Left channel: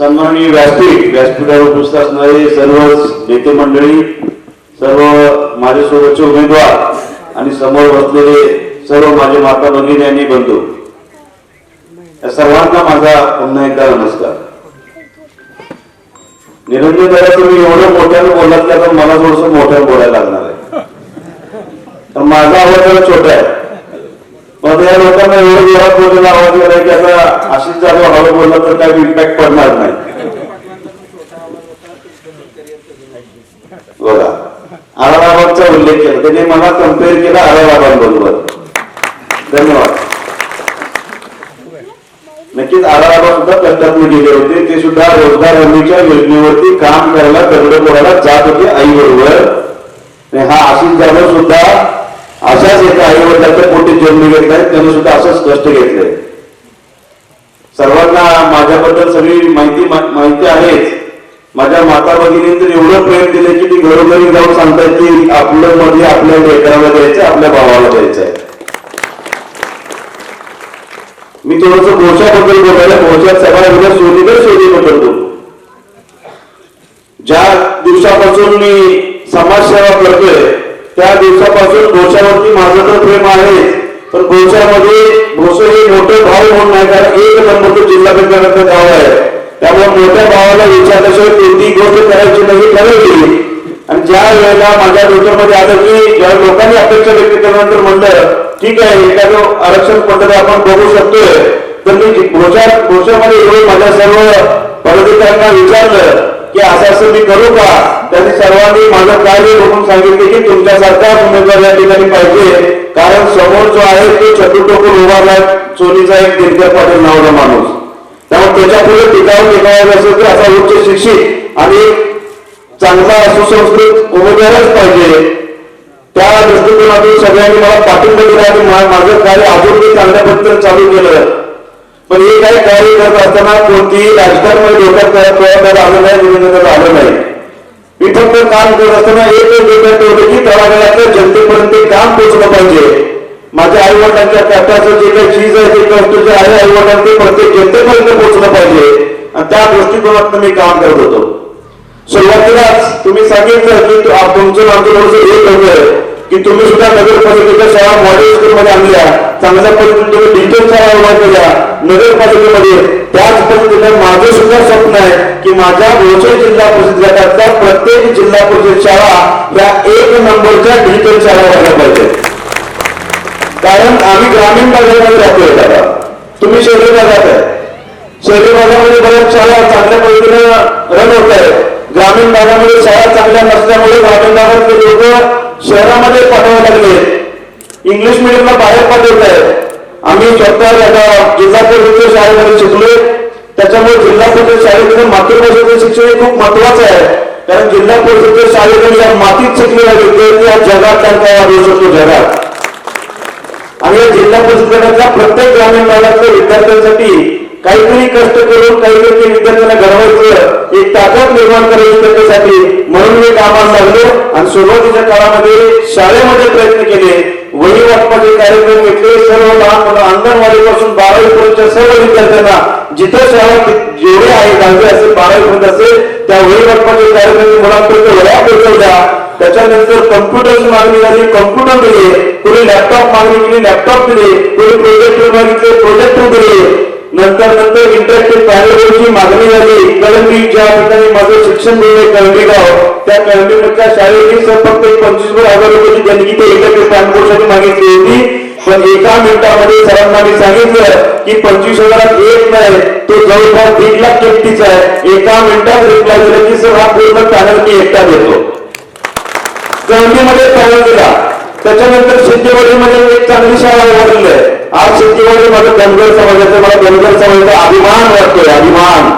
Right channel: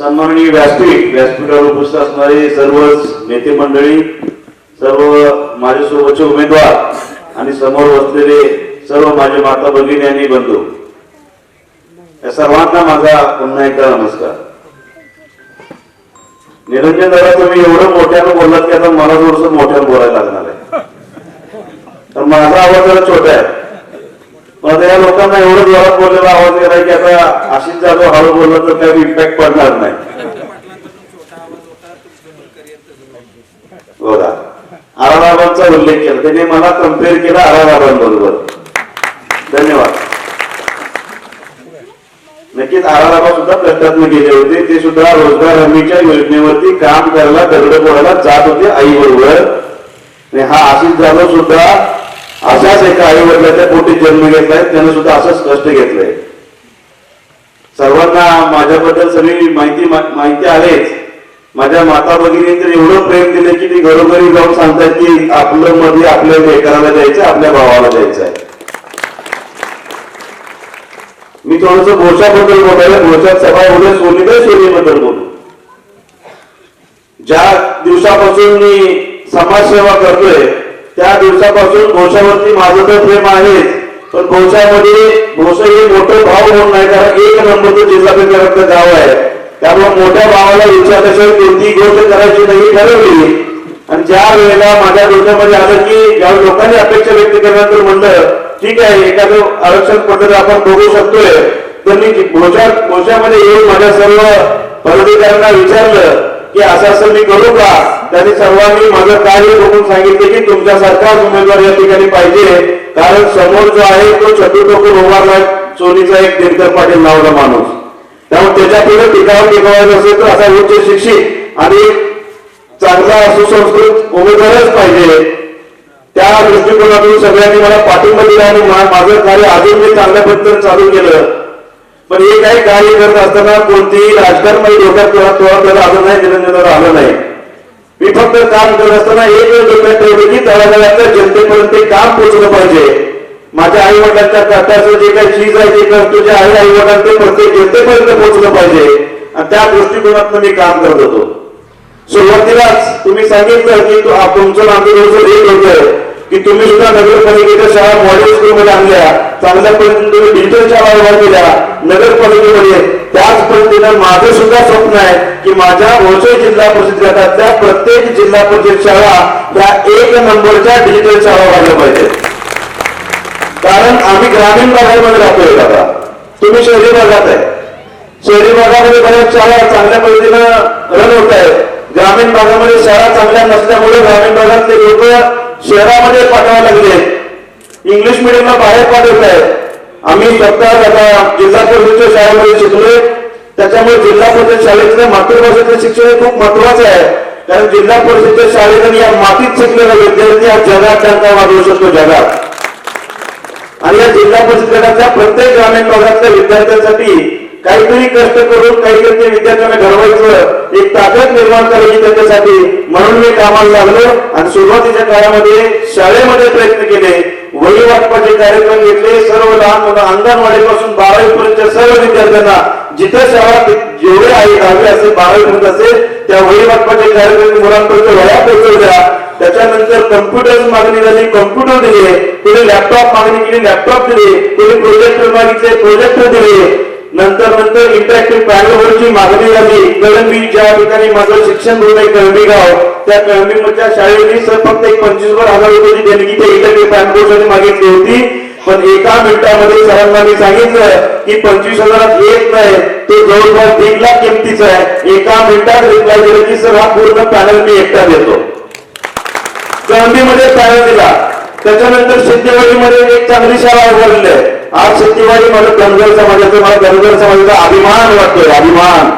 सन्माननीय व्यासपीठावर उपस्थित असणारे सर्व नेते मंडळी, सर्व माझ्यासोबतचे उमेदवार आणि समोर बसलेले सर्व माझे माता भगिनी आणि बंधू, या सर्वांना माझा पुन्हा एकदा नमस्कार. निरंजन दादा, तुम्ही एवढं मोठ्यानं बोललात की आता मला थोडंसं मोठ्यानं बोलायला लागणार आहे. तर माझा आवाज जरा छोटा आहे, पण या लोकांना एवढं जोरात बोललेला आवाज करायचा की आता अशीच जागा हळू बोलला तर काही इम्पॅक्ट पडणार नाही. बघा, आराबाबांचा उल्लेख केला, त्याने मला कम्पेअर केला आराबाबांबरोबर. धन्यवाद. नक्कीच आराबाबा सुद्धा कष्टातून गेले होते, ते सुद्धा रोजगार हमीच्या योजनेवरती काम करायला दगड पोहायला जात होते आई बरोबर. हा आशिष जाधव सुद्धा अशाच एका आई वडिलांच्या पोटी जन्म घेतलाय, त्याने सुद्धा असंच कष्ट घेतलंय. सर्वांना माझ्याबद्दल सगळी माहिती आहेच. माझ्या माता भगिनी तर एवढं प्रेम दिले की ती घरोघरी जाऊन सांगतात की आपलं मध्ये आपल्या लेकराला द्यायचं, आपल्या भावाला द्यायचं आहे. मी थोडस भोशाबद्दल बोलायला, भोशात सगळ्या उद्या सोनीबद्दल बोलू. ज्या दिवसापासून मी समाजसेवा करतोय त्या दिवसापासून भोशावरती माझं तर प्रेम आहे, पण भोशामध्ये भोसो हे मोठं भाव म्हणून नाही, कारण एक नंबरचं जिल्हा केंद्राचं गाव आहे. त्यामुळे मोठ्या भावाला विचारल्याशिवाय कोणती गोष्ट करायची नाही ठरवली. आणि ज्या वेळेला माझ्या डोक्यामध्ये आलं की ज्या लोकांनी अपेक्षा व्यक्त केल्यानंतर म्हणलं ठीक आहे, एखादं आरक्षण पद्धती आपण बघू शकतोय, तर मी भोशामध्ये येऊन माझ्या सर्व पदाधिकाऱ्यांना विचारलं की असं मी करू का. त्यांनी सर्वांनी माझं कार्य बघून सांगितले की तुमच्यासारखा उमेदवार या ठिकाणी पाहिजे, कारण समोर जो आहे तो छतू टोकून उभारला सोनीचा एक दिनकर पाटील नावाचा माणूस. त्यामुळे त्याच्या पुढे टिकायचं असेल तर असा उच्च शिक्षित आणि चांगला सुसंस्कृत उमेदवारच पाहिजे. त्या दृष्टिकोनातून सगळ्यांनी मला पाठिंबा दिला आणि माझं कार्य अजून मी चांगल्या पद्धतीने चालू केलं. पण हे काही कार्य करत असताना कोणतीही राजकारणामध्ये डोक्यात त्याला आलं नाही, निरंजनाला आलं नाही. मी फक्त काम करत असताना एक डोक्यात ठेवलं की तळागाळातल्या जनतेपर्यंत काम पोहोचलं पाहिजे. माझ्या आई वडिलांच्या कष्टाचं जे काही चीज आहे ते कष्ट जे आहे आई वडिलांना ते प्रत्येक जनतेपर्यंत पोहोचलं पाहिजे, आणि त्या दृष्टिकोनातून मी काम करत होतो. सुरुवातीलाच तुम्ही सांगितलं की तुमचं आमचं थोडंसं एक होतं की तुम्ही सुद्धा नगरपालिकेच्या शाळा मॉडेल स्कूलमध्ये आणल्या, चांगल्या पद्धतीने तुम्ही डिजिटल शाळा उभा केल्या नगरपालिकेमध्ये. त्याच पद्धतीने माझं सुद्धा स्वप्न आहे की माझ्या भोसे जिल्हा परिषद गटातल्या प्रत्येक जिल्हा परिषद शाळा या एक नंबरच्या डिजिटल शाळा व्हायला पाहिजे. कारण आम्ही ग्रामीण भागामध्ये राहतोय दादा, तुम्ही शहरी भागात आहे. शहरी भागामध्ये बऱ्याच शाळा चांगल्या पद्धतीने रन होत आहे. ग्रामीण भागामध्ये शाळा चांगल्या नसल्यामुळे ग्रामीण भागातले लोक शहरामध्ये पाठवावे लागले, इंग्लिश मिडियमला बाहेर पाठवत आहेत. आम्ही स्वतः जिल्हा परिषदेच्या शाळेमध्ये शिकलोय, त्याच्यामुळे जिल्हा परिषद शाळेतलं मातृभाषेचं शिक्षण खूप महत्वाचं आहे. कारण जिल्हा परिषदेच्या शाळेमध्ये या मातीत शिकलेले विद्यार्थी या जगात त्यांचा वाढवू शकतो जगात. आणि या जिल्हा परिषद गटातल्या प्रत्येक ग्रामीण भागातल्या विद्यार्थ्यांसाठी काहीतरी कष्ट करून काहीतरी विद्यार्थ्यांना घडवायचं, एक ताकद निर्माण करायची त्याच्यासाठी, म्हणून मी कामाला लागलो. आणि सुरुवातीच्या काळामध्ये शाळेमध्ये प्रयत्न केले, वही वाटपाचे कार्यक्रम घेतले. सर्व लहान मुलं अंगणवाडीपासून 12वी पर्यंतच्या सर्व विद्यार्थ्यांना जिथे शाळा जेवढे आहे 10वी असेल 12वी पर्यंत असेल त्या वही वाटपाचे कार्यक्रम मुलांपर्यंत वह्या पोहोचवल्या. त्याच्यानंतर कम्प्युटरची मागणी झाली, कम्प्युटर दिले. कोणी लॅपटॉप मागणी केली, लॅपटॉप दिले. कोणी प्रोजेक्टर मागितले, प्रोजेक्टर दिले. नंतर इंटरॅक्टिव्ह पॅनलवरची मागणी झाली. कळंबी, ज्या ठिकाणी माझं शिक्षण मिळते कळंबी गाव, त्या कळंबीमधल्या शाळेने फक्त 25,000 रुपयाची देणगी ते इंटरॅक्टिव्ह पॅनलसाठी मागितली होती. पण एका मिनिटामध्ये सरांना मी सांगितलं की 25,000 एक नाही, तो जवळपास 1 लाख किमतीचा आहे. एका मिनिटात रिप्लाय दिला की सर हा पूर्ण पॅनल मी एकटा देतो. कळंबीमध्ये पॅनल दिला. त्याच्यानंतर सिद्धेवाडीमध्ये एक चांगली शाळा उभारलेली आहे. आज सिद्धेवाडी माझं धनगर समाजाचं, मला धनगर समाजाचा अभिमान वाटतोय, अभिमान.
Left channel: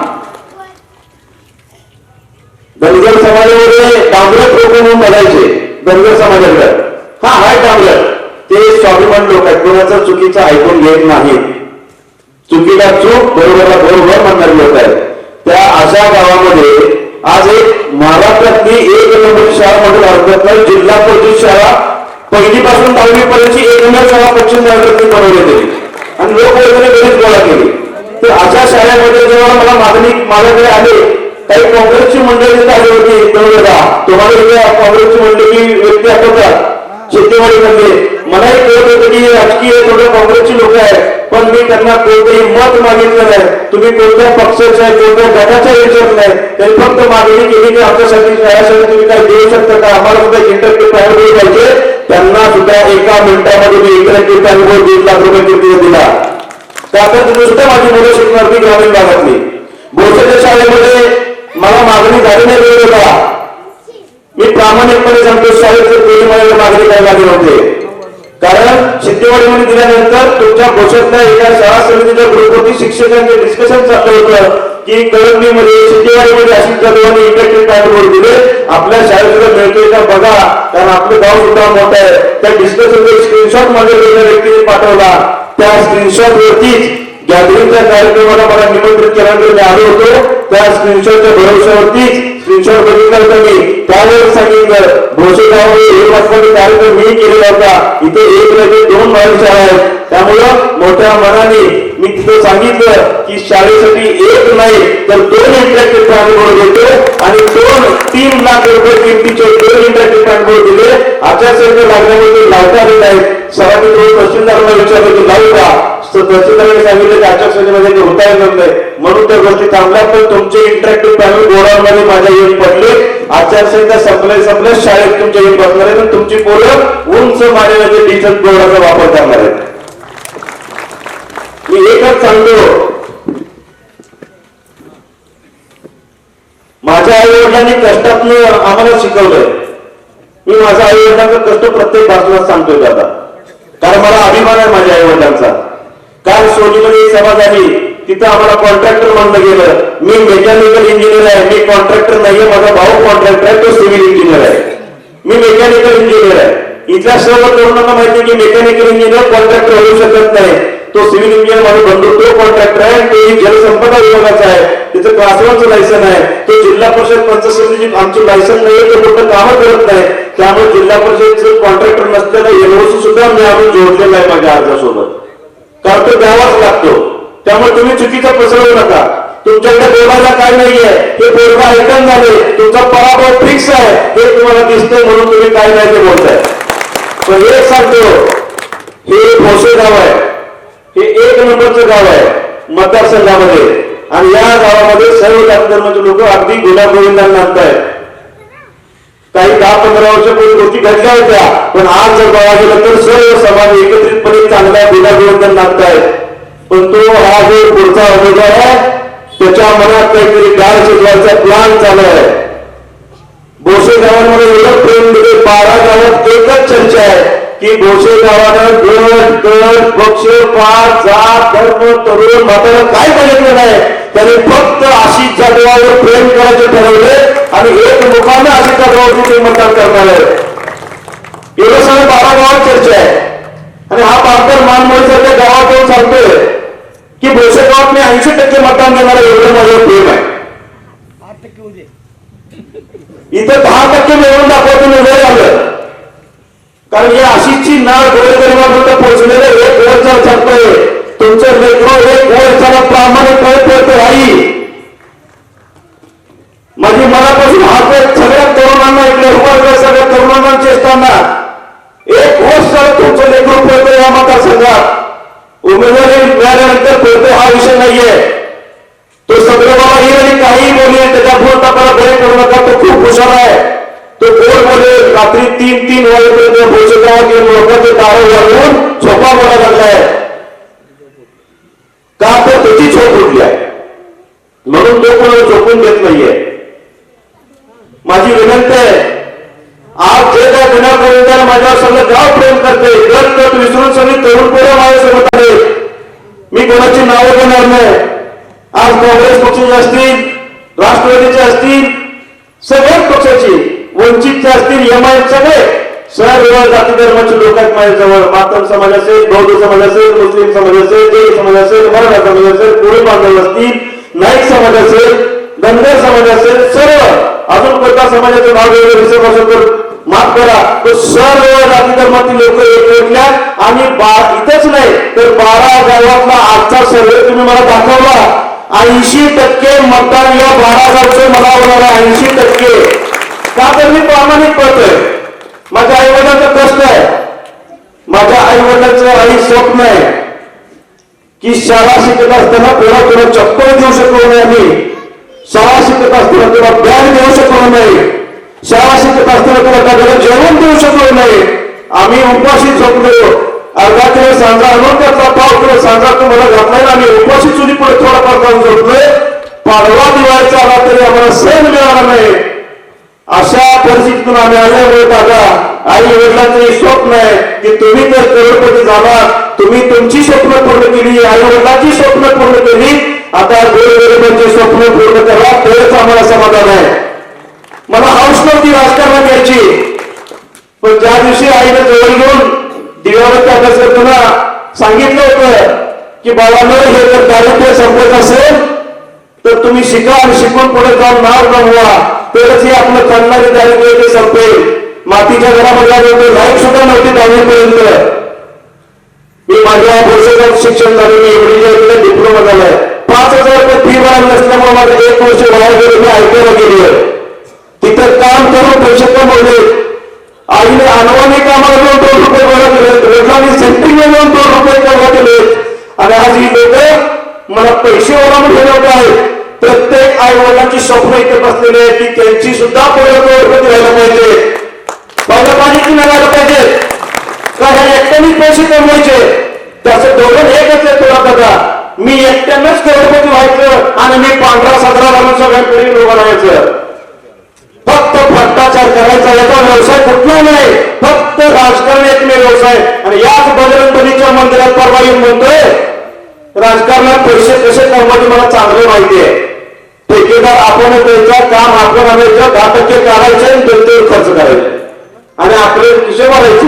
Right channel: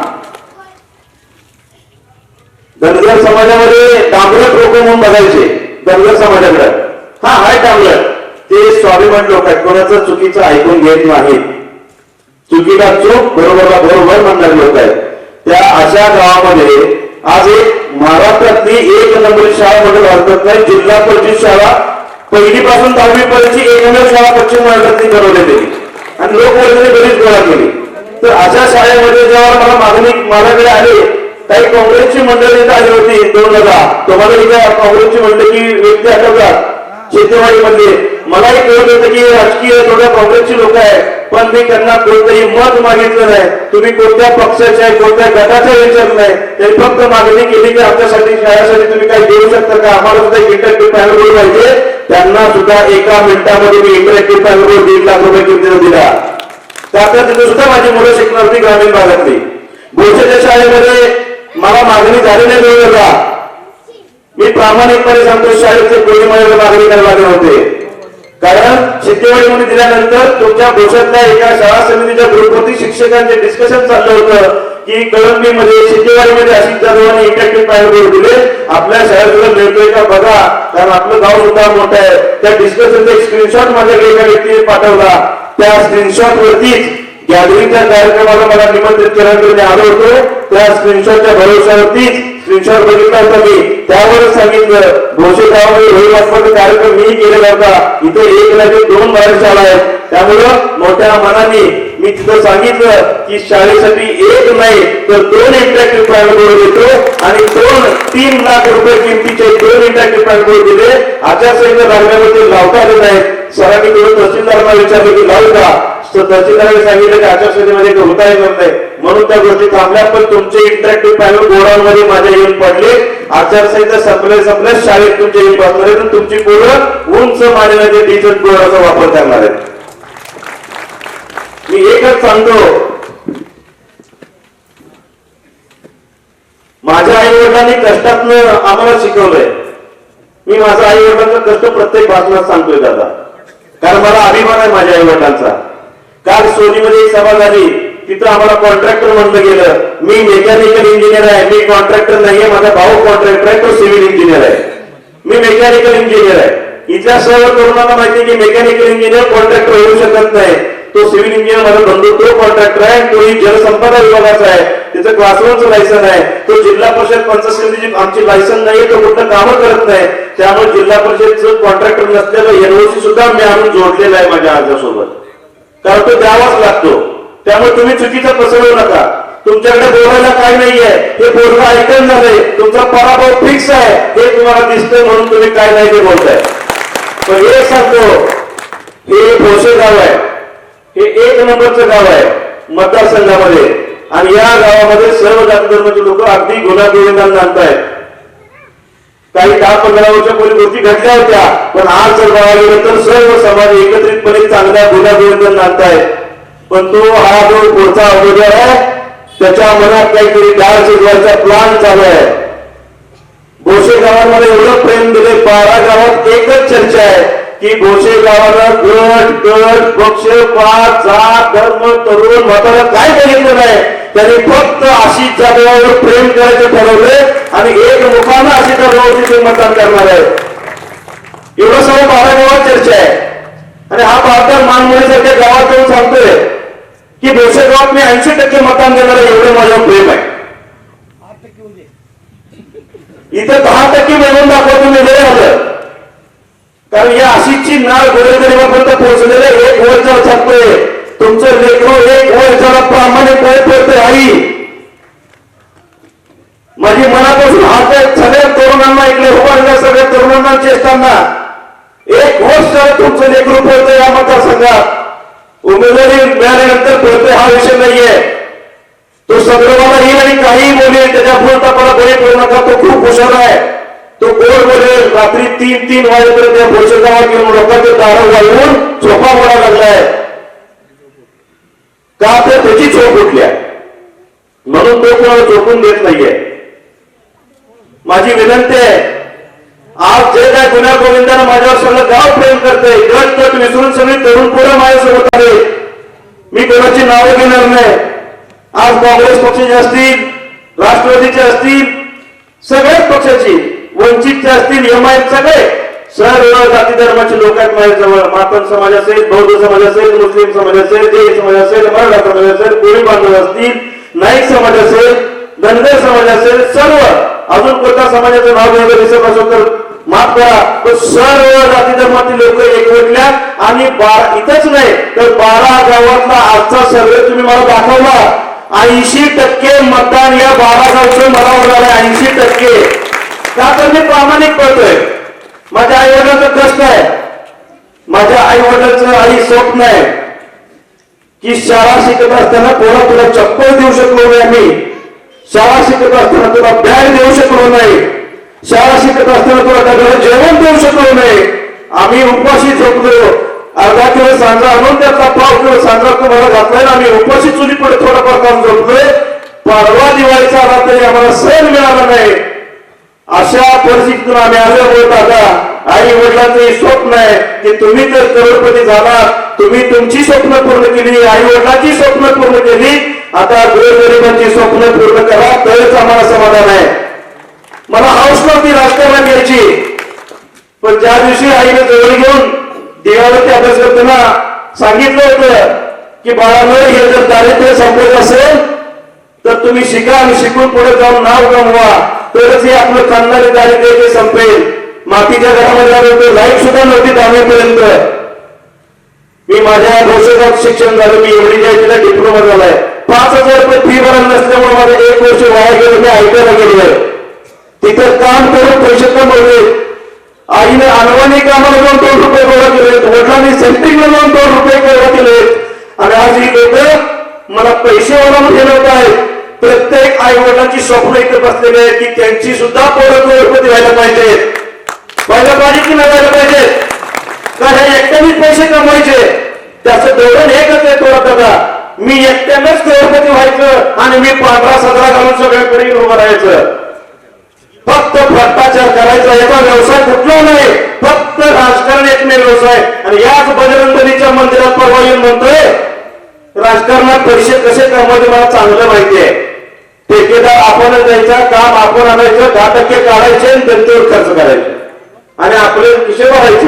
धनगर समाजामध्ये डांबरट लोक म्हणून बघायचे धनगर समाजाकडे. हा हाय डांबरट, ते स्वाभिमान लोक आहेत, कोणाचं चुकीचं ऐकून घेत नाही. चुकीला चूक, बरोबरला बरोबर म्हणणारे लोक आहेत. त्या अशा गावामध्ये आज एक महाराष्ट्रातली एक नंबर शाळा म्हणून भारतात जिल्हा परिषद शाळा पहिलीपासून 10वी पर्यंतची एक नंबर शाळा पश्चिम महाराष्ट्रातली बनवण्यात गेली आणि लोक वर्गाने बरीच गोळा केली. तर अशा शाळेमध्ये जेव्हा मला माझ्याकडे आले, काही काँग्रेसची मंडळी तिथे आली होती 2010. तुम्हाला इथे काँग्रेसची मंडळी व्यक्ती आठवतात शेतीवाडीमध्ये. मलाही कळत होतं की राजकीय थोडं काँग्रेसची लोक आहे, पण मी त्यांना कोणतंही मत मागितलं नाही. तुम्ही कोणत्या पक्षाच्या कोणत्या गटाचा विचार नाही, त्यांनी फक्त मागणी केली की आमच्यासाठी शाळेसाठी तुम्ही काही देऊ शकता का, आम्हाला सुद्धा इंटरॅक्टिव्ह पॅनल बोर्ड पाहिजे. त्यांना सुद्धा एका मिनिटामध्ये मी इंटरॅक्टिव्ह पॅनल बोर्ड 1.5 लाख रुपये किमतीने दिला. त्यानंतर तिथे सुद्धा माझी मुलं शिकणार होती ग्रामीण भागातली. भोसेच्या शाळेमध्ये मला मागणी झाली नाही वेळ होता. मी प्रामाणिकपणे सांगतो, शाळेचे कोणी मला मागणी करायला लागले नव्हते. कारण शेतीवाडीमध्ये दिल्यानंतर तुमच्या भोसेतल्या एका शाळा समितीच्या ग्रुपवरती शिक्षकांचे डिस्कशन चाललं होतं की कळंबीमध्ये शेतीवाडीमध्ये अशी जाधवांनी इंटरॅक्टिव्ह पॅनल बोर्ड दिले, आपल्या शाळेला मिळतोय का बघा, कारण आपलं गाव सुद्धा मोठं आहे. त्या डिस्कशनचा एक स्क्रीनशॉट माझ्या एका व्यक्तीने पाठवला. त्या स्क्रीनशॉट वरतीच गॅदरिंगच्या कार्यक्रमाला मला निमंत्रित केल्यानंतर मी आलो होतो. त्या स्क्रीनशॉटच्या भरोश्यावरतीच स्क्रीनशॉट बघितला होता मी. त्यावर सांगितलं भोसे गावामध्ये कार्यक्रम मी केलेला होता. इथे 1 नाही 2 बाहेर शाळा आहेत. त्यामुळं मोठ्या मनाने मी तिथं सांगितलं की शाळेसाठी 1 नाही तर 2 इंटरॅक्टिव्ह पॅनल बोर्ड देतो आणि 3 लाख रुपये किमतीचे 2 इंटरॅक्टिव्ह पॅनल बोर्ड दिले. आचारसंहिता लागल्यामुळे लावता आले नाहीत. सरांनी तहसीलदारांना विचारलं की लावू का, तहसीलदारांनी सांगितलं की आचारसंहितेमध्ये होता येणार नाही, म्हणून त्या गोष्टी थांबल्या. पण तुमचे इंटरॅक्टिव्ह पॅनल बोर्डांमध्ये माझ्या येऊन पडले. आचारसंहिता संपल्या शाळेत तुमच्या येऊन बसणार आहेत. तुमची पोरं उंच मानण्याचे डिजिटल बोर्डाचा वापर करणार आहेत. मी एकच सांगतो, माझ्या आई वडिलांनी कष्टातनं आम्हाला शिकवलंय. मी माझ्या आई वडिलांचं कष्ट प्रत्येक भाषणात सांगतोय दादा, कारण मला अभिमान आहे माझ्या आई वडिलांचा. काल सोनीमध्ये एक सभा झाली, तिथं आम्हाला कॉन्ट्रॅक्टर म्हणलं गेलं. मी मेकॅनिकल इंजिनियर आहे, मी कॉन्ट्रॅक्टर नाहीये. माझा भाऊ कॉन्ट्रॅक्टर आहे, तो सिव्हिल इंजिनियर आहे. मी मेकॅनिकल इंजिनियर आहे. इथल्या सर्व तरुणांना माहिती आहे की मेकॅनिकल इंजिनियर कॉन्ट्रॅक्टर होऊ शकत नाही. तो सिव्हिल इंजिनियर माझा बंधू, तो कॉन्ट्रॅक्टर आहे. तो जलसंपदा विभागाचा आहे, त्याचं क्लास 1चं लायसन आहे. तो जिल्हा परिषद पंचायत समितीची आमची लायसन नाही, तो कुठं कामं करत नाही. त्यामुळे जिल्हा परिषदचं कॉन्ट्रॅक्टर नसलेलं एनओसी सुद्धा मी आणून जोडलेला आहे माझ्या अर्जासोबत, कारण तो द्यावाच लागतो. त्यामुळे तुम्ही चुकीचा पसरवू नका. तुमच्याकडे बोलायला काय नाहीये, हे बोलणं ऐकून झाले, तुमचा पराभव फिक्स आहे हे तुम्हाला दिसतंय, म्हणून तुम्ही काय नाही ते बोलताय. पण एक सांगतो, हे भोसे गाव आहे, हे 1 नंबरचं गाव आहे मतदारसंघामध्ये. आणि या गावामध्ये सर्व जाती धर्माचे लोक अगदी गुण्यागोविंदांना आणतायत. काही 10-15 वर्षापूर्वी गोष्टी घडल्या होत्या, पण आज जर बघायला गेलं तर सर्व समाज एकत्रितपणे चांगल्या गुण्यागोविंदांना आणतायत. पण तो हा जो पुढचा उमेदवार आहे, त्याच्या मनात काहीतरी गाळ शिजवायचा प्लॅन चालू आहे. भोसे गावांमध्ये एवढं प्रेम दिले, 12 गावात एकच चर्चा आहे की भोसे गावानं गट पक्ष पात जात धर्म तरुण म्हातारा काय बघितलं नाही. त्यांनी फक्त आशिष जाधवावर प्रेम करायचे ठरवले आणि एकमुखानं आशिष जाधवावरती ते मतदान करणार आहे. एवढं सगळं 12 गावात चर्चा आहे. आणि हा भारतात मानमोळीसारख्या गावात जाऊन सांगतोय की भोसे गावात मी 80% मतदान देणार आहे, एवढं माझं प्रेम आहे. इथे 10% मिळवून दाखवतो मी वेळ आलं, कारण या आशिषची नाळ गोरगरिबापर्यंत पोहोचलेले 1 वर्ष सांगतोय. तुमचं लेकरं 1 वर्षाला प्रामाणिकपणे पळतोय. आई माझी मनापासून हात सगळ्या तरुणांना ऐकले, उभारल्या सगळ्या तरुणांना चेष्टांना 1 वर्ष तुमचं लेकरू पळतोय या मतदारसंघात. उमेदवारी मिळाल्यानंतर पळतोय हा विषय नाहीये. तो सगळे मला येईल आणि काही बोलेल, त्याच्या भूलतापाला बळी पडू नका. तो खूप हुशार आहे, तो गोड बोलेल. रात्री 3-3 वाजेपर्यंत भोसे गावात लोकांचे दारं वाढवून झोपा मोडा लागलाय, का तर त्याची झोप उठली आहे, म्हणून तो कोणाला झोपून देत नाहीये. माझी विनंती आहे, आज जे काय गुन्ह्यापर्यंत माझ्यावर सगळं गाव प्रेम करते, गट विसरून सगळी तरुण पोरं माझ्यासोबत आले. मी कोणाची नावं घेणार नाही. आज काँग्रेस पक्षाचे असतील, राष्ट्रवादीचे असतील, सगळ्याच पक्षाची, वंचितचे असतील, एमआयएम, सगळे सर्व जाती धर्माचे लोक आहेत माझ्याजवळ. मातंग समाज असेल, बौद्ध समाज असेल, मुस्लिम समाज असेल, जैन समाज असेल, मराठा समाज असेल, कोळी बांधव असतील, नाईक समाज असेल, धनगर समाज असेल, सर्व. अजून कोणत्या समाजाचं नाव वगैरे दिसत असेल तर माफ करा, पण सर्व जाती धर्मातील लोक एकवटल्या आणि इथंच नाही तर 12 गावातला आजचा सर्वे तुम्ही मला दाखवला. 80% मतदान या 12 गावचे मला उडाले. 80%. का तर मी प्रामाणिक पळतोय. माझ्या आई वडिलांचं कष्ट आहे. माझ्या आई वडिलांचं आई स्वप्न आहे की शाळा शिकत असताना कोणा तुला चप्पल देऊ शकलो नाही. आम्ही शाळा शिकत असताना तुला बॅग देऊ शकलो नाही. शाळा शिकत असताना तुला त्या जेवण देऊ शकलो नाही. आम्ही उपाशी झोपलो. अर्धा किलो सांजा आणून त्याचा 1/2 किलो सांजा तुम्हाला घातलाय. आम्ही उपाशी चुली पुढे थोडाफार काम झोपलोय. पाडवा दिवाळीचा आला तरी आम्हाला सण मिळाला नाही. अशा परिस्थितीतून आम्ही आलो. दादा आई वडिलांचं स्वप्न आहे की तुम्ही जर करोडपती झाला, तुम्ही तुमची स्वप्न पूर्ण केली, आई वडिलांची स्वप्न पूर्ण केली, आता गोरगरिबांची स्वप्न पूर्ण करा, तरच आम्हाला समाधान आहे. मला हौस नव्हती राजकारणात यायची, पण ज्या दिवशी आईने जवळ घेऊन दिवाळीत अभ्यास करताना सांगितलं होतं की बाळांनो हे जर दारिद्र्य संपत असेल तर तुम्ही शिका आणि शिकून पुढे जाऊन नाव कमवा, तरच हे आपलं खाणारे दारिद्र्य संपेल. मातीच्या घरामध्ये आलो, लाईट सुद्धा नव्हती 10वीपर्यंत. मी माझ्या भोसेगावात शिक्षण झालं. मी एवढी डिप्लोमा झालाय. 5,000 रुपये फी भरायला नसल्यामुळे माझं 1 वर्ष वाया गेलं. मी ITI गेलोय. तिथं काम करून पैसे कमवले. आईने अनवाणी कामाला जाऊन 2 रुपये गोळा केले. वडिलांनी सेंटिंग जाऊन 2 रुपये गोळा केले. आणि आज ही लोक मला पैसे वाला म्हणून ठेवत आहेत. प्रत्येक आई वडिलांची स्वप्न इथे बसलेली आहे की त्यांची सुद्धा पोरं करोडपती व्हायला पाहिजे. पहिल्या पाणी लागायला पाहिजे. कारण एकट्यानेच पैसे कमवायचे. त्याचं धोरण एकच आहे. थोडा बघा, मी एकट्यानेच करोडपती व्हायचं आणि मी 15-17 घालून सगळ्यांकडे उभं राहायचं. फक्त भ्रष्टाचार करायचा याचा व्यवसाय कुठला नाही. फक्त राजकारण एकमेव व्यवसाय. आणि याच बजरंगबलीच्या मंदिरात परवा येऊन म्हणतोय राजकारणात पैसे कसे कमवायचे मला चांगलं माहिती आहे. ठेकेदार आपण द्यायचा, काम आपण आणायचं, 10% काढायचे आणि जनतेवर खर्च करायचे आणि आपले कसे वाढायचे.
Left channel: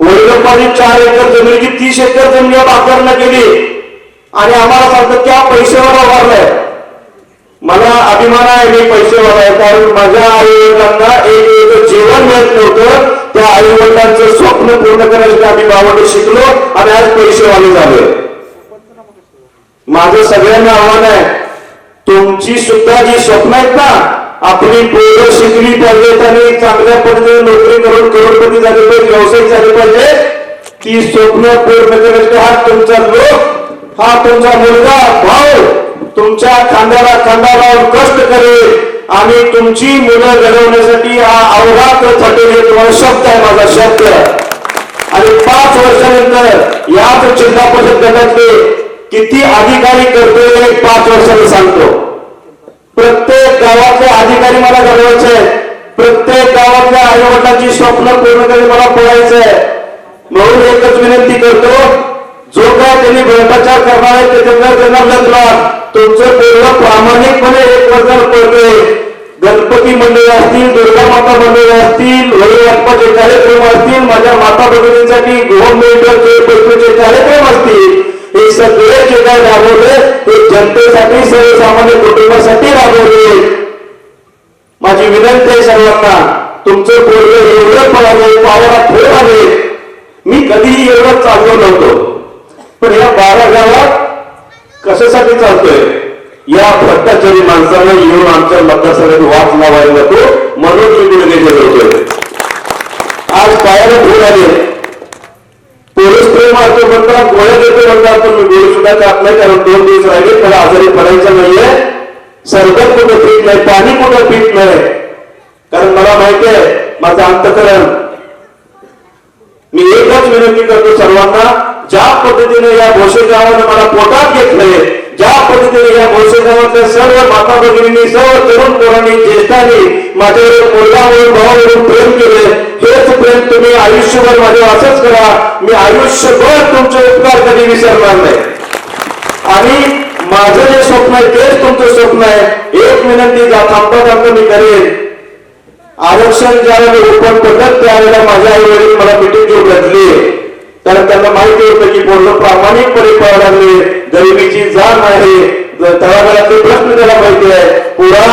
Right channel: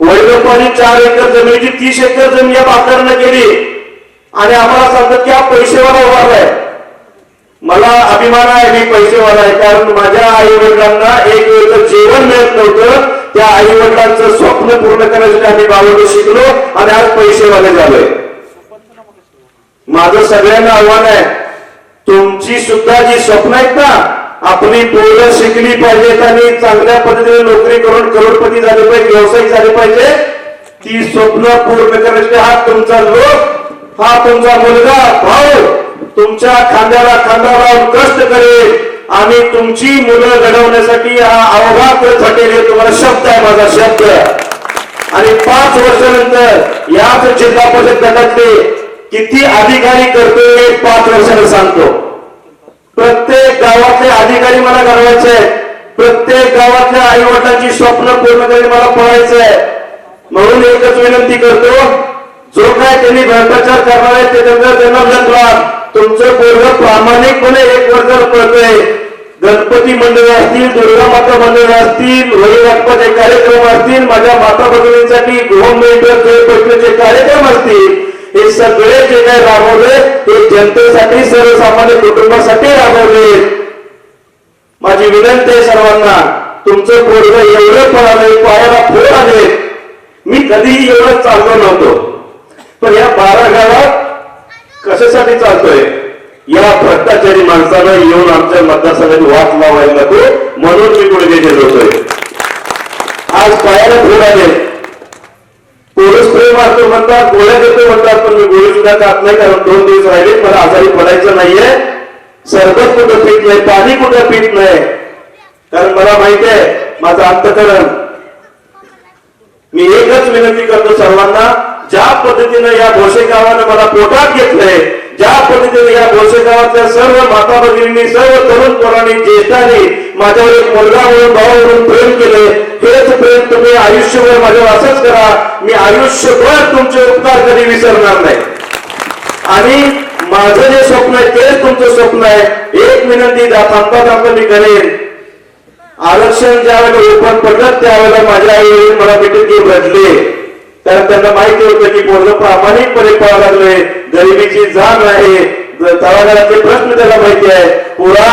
वडिलोपानी 4 एकर जमिनीची 30 एकर जमीन या बाकांना केली आणि आम्हाला सांगतात की हा पैसेवाला उभारलाय. मला अभिमान आहे मी पैसेवाला आहे. कारण माझ्या आई वडिलांना एक वेळचं जेवण मिळत नव्हतं. त्या आई वडिलांचं स्वप्न पूर्ण करण्यासाठी आम्ही गावाकडे शिकलो आणि आज पैसेवाले झालोय. माझं सगळ्यांना आव्हान आहे, तुमची सुद्धा जी स्वप्न आहेत ना, आपली पोरं शिकली पाहिजेत आणि चांगल्या पद्धतीने नोकरी करून करोडपती झाले पाहिजे, व्यावसायिक झाले पाहिजे. ती स्वप्न पूर्ण करण्यासाठी हा तुमचा लोक, हा तुमचा मुलगा भाऊ तुमच्या खांद्याला खांदा लावून कष्ट करेल आणि तुमची मुलं घडवण्यासाठी हा अवघात झटेल. तुम्हाला शब्द आहे, माझा शब्द. आणि 5 वर्षानंतर याच जिल्हा परिषद गटातले किती अधिकारी करतो हे 5 वर्षांनी सांगतो. प्रत्येक गावातले अधिकारी मला घडवायचे आहेत. प्रत्येक गावातल्या आई वडिलांची स्वप्न पूर्ण करून मला पळायचं आहे. म्हणून एकच विनंती करतो, जो काय त्यांनी भ्रष्टाचार करणार आहे ते त्यांना लग्न तुमचं पूर्ण प्रामाणिकपणे 1 वर्षाला पळतोय. गणपती मंडळ असतील, दुर्गा माता मंडळ असतील, वडीलबापाचे कार्यक्रम असतील, माझ्या माता भगिनींसाठी होम मेंटेनचे कार्यक्रम असतील, हे सगळे जे काय राबवले ते जनतेसाठी, सर्वसामान्य कुटुंबासाठी राबवले. माझी विनंती आहे सर्वांना, तुमचं पोरगं एवढं पळाले, पावाला फोड आले. मी कधीही एवढं चाललो नव्हतो, पण या 12 गावात कशासाठी चालतोय? या भ्रष्टाचारी माणसाला येऊन आमच्या मतदारसंघात वाद लावायला नको म्हणून मी गुडघे गेलो होतोय. आज पायाला फोड आले. पोलीस प्रेम मारतो म्हणतात, गोळ्या देतो म्हणतात, पण मी गोळी सुद्धा जात नाही. कारण 2 दिवस राहिले, मला आजारी पडायचं नाहीये. सरबत कुठं पीत नाही, पाणी कुठं पीत नाही. कारण मला माहिती आहे माझं अंतःकरण. मी एकच विनंती करतो सर्वांना, ज्या पद्धतीने या भोसे गावाने मला पोटात घेतलंय, ज्या पद्धतीने या भोसे गावातल्या सर्व माता भगिनींनी, सर्व तरुण पोरांनी, ज्येष्ठांनी माझ्यावर एक मुलगा म्हणून, भाऊ म्हणून प्रेम केले, हेच प्रेम तुम्ही आयुष्यभर माझ्यावर असंच करा. मी आयुष्यभर तुमचे उपकार कधी विसरणार नाही. आणि माझं जे स्वप्न आहे तेच तुमचं स्वप्न आहे. एक विनंती थांबता मी करेन, आरक्षण ज्यावेळेला ओपन पडत त्यावेळेला माझ्या आई मला मिटिंग घेऊन बदले. कारण त्यांना माहिती होतं की पूर्ण प्रामाणिकपणे पळायला लागले. गरिबीची जाण आहे, तळागाळातले प्रश्न त्याला माहिती आहे. पुरा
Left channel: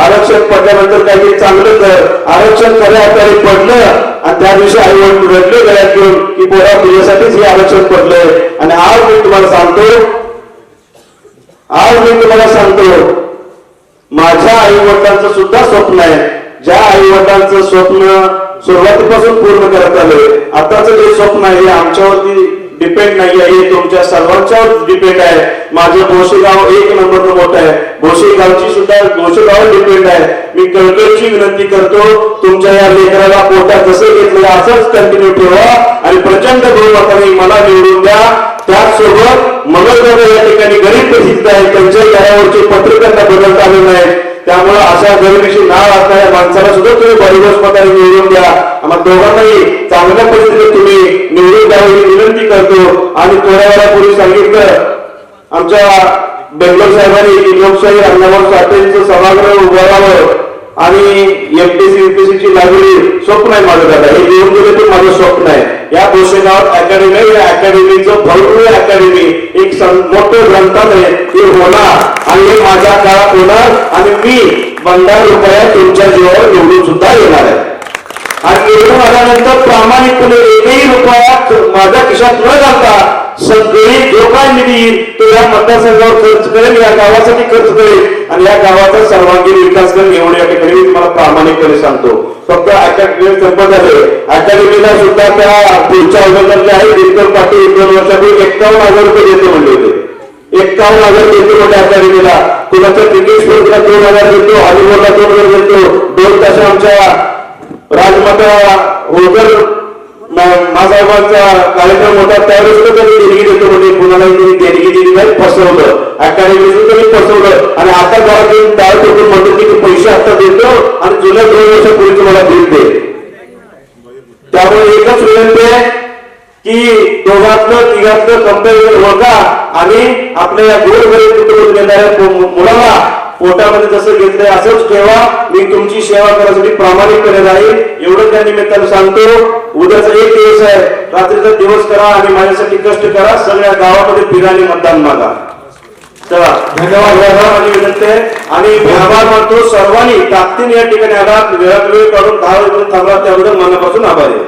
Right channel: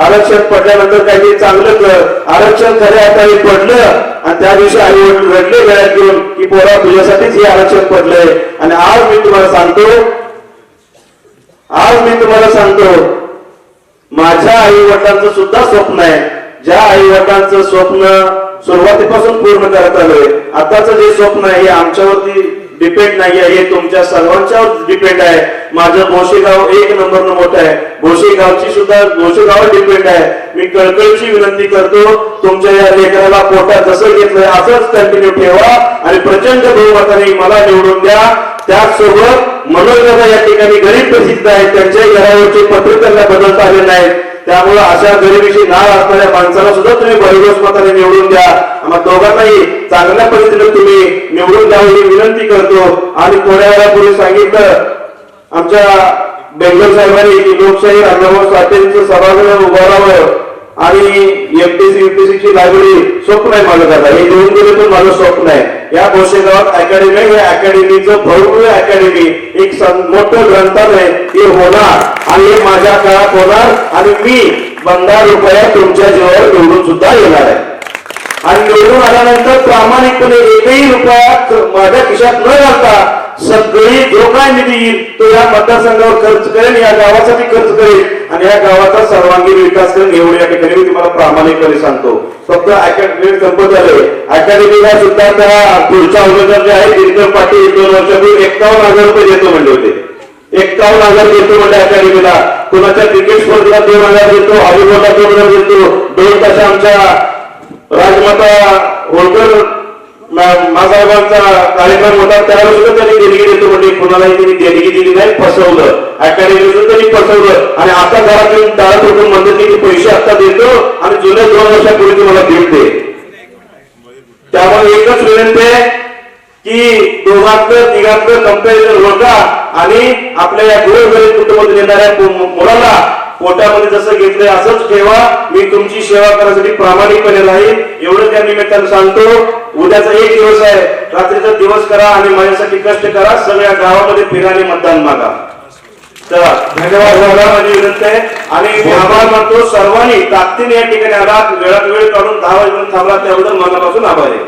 आरक्षण पडल्यानंतर काही चांगलं कर, आरक्षण खऱ्या अर्थाने पडलं आणि त्या दिवशी आई वडील रडले गळ्यात घेऊन की पोरा तुझ्यासाठीच हे आरक्षण पडलंय. आणि आज मी तुम्हाला सांगतो माझ्या आई वडिलांचं सुद्धा स्वप्न आहे. ज्या आई वडिलांचं स्वप्न सुरुवातीपासून पूर्ण करत आलोय, आताचं जे स्वप्न आहे हे आमच्यावरती डिपेंड नाही आहे, हे तुमच्या सर्वांच्यावर डिपेंड आहे. माझं भोसेगाव 1 नंबर मोठं आहे, भोसेगावची सुद्धा भोसेगाव डिपेंड आहे. मी कळकळीची विनंती करतो, तुमच्या या लेकराला पोटात जसं घेतलंय असंच कंटिन्यू ठेवा आणि प्रचंड बहुमताने मला निवडून द्या. त्याचसोबत मनोजदादा या ठिकाणी गरीब प्रसिद्ध आहे, त्यांच्या घरावरचे पत्र त्यांना बदलता आले नाही. त्यामुळे अशा गरिबीशी नाळ असणाऱ्या माणसाला सुद्धा तुम्ही भरघोस मताने निवडून द्या. आम्हाला दोघांनाही चांगल्या पद्धतीने तुम्ही निवडून द्यावी ही विनंती करतो. आणि थोड्या वेळापूर्वी सांगितलं आमच्या बेंगलोर साहेबांनी लोकशाही अण्णाभाऊ साठेंचं सभागृह उभारावं आणि एमपीसी युपीसी ची लायब्ररी स्वप्न आहे माझं दादा, हे देऊन गेले पण माझं स्वप्न आहे. या भोसेगावात अकॅडमी आहे, या अकॅडमीचं भव्य अकॅडमी एक मोठं ग्रंथालय हे होणार आणि हे माझ्या काळात होणार आणि मी 15 रुपया तुमच्या जीवावर निवडून सुद्धा येणार आहे. आणि निवडून आल्यानंतर प्रामाणिकपणे एकही रुपया माझ्या खिशात न घालता सगळी जो काय निधी येईल तो या मतदारसंघावर खर्च करेल, या गावासाठी खर्च करेल आणि या गावाचा सर्वांगीण विकास करेल. एवढं या ठिकाणी मी तुम्हाला प्रामाणिकपणे सांगतो. फक्त अकॅडमी संपत आले, अकॅडमीला सुद्धा त्या पुढच्या उमेदवार जे आहे दिनकर पाटील 2 वर्षापूर्वी 51,000 रुपये देतो म्हणले होते. 51,000 देतो म्हणजे अकॅडमीला. कुणाच्या क्रिकेट स्पर्धेला 2,000 देतो, हॉलीबॉलला 2,000 देतो. 2 तास आमच्या राजमाता होळकर मासाहेबांचा कार्यक्रम होता त्यावेळेस सुद्धा त्यांनी देणगी देतो म्हणजे कुणालाही त्यांनी देणगी दिली नाही, फसवलं. अकॅडमीतून त्यांनी फसवलं आणि आता घरात येऊन दाळ पडून म्हणतो की पैसे आता देतो आणि जुन्या 2 वर्षापूर्वी तुम्हाला भेट दे. त्यामुळे एकच विनंती आहे की दोघातलं तिघातलं कंपॅरिझन होता आणि आपल्या या गोरगरीब कुटुंबातून येणाऱ्या मुलाला पोटामध्ये जसं घेतलंय असंच ठेवा. मी तुमची सेवा करण्यासाठी प्रामाणिकपणे राहील एवढं त्या निमित्तानं सांगतो. उद्याचा एक दिवस आहे, रात्रीचा दिवस करा आणि माझ्यासाठी कष्ट करा. सगळ्या गावामध्ये फिराने मतदान मागा. चला धन्यवाद माझी विनंती आहे आणि आभार मानतो सर्वांनी ताकदीने या ठिकाणी आला, वेळात वेळ काढून 10 वाजेपर्यंत थांबला त्याबद्दल मनापासून आभार आहे.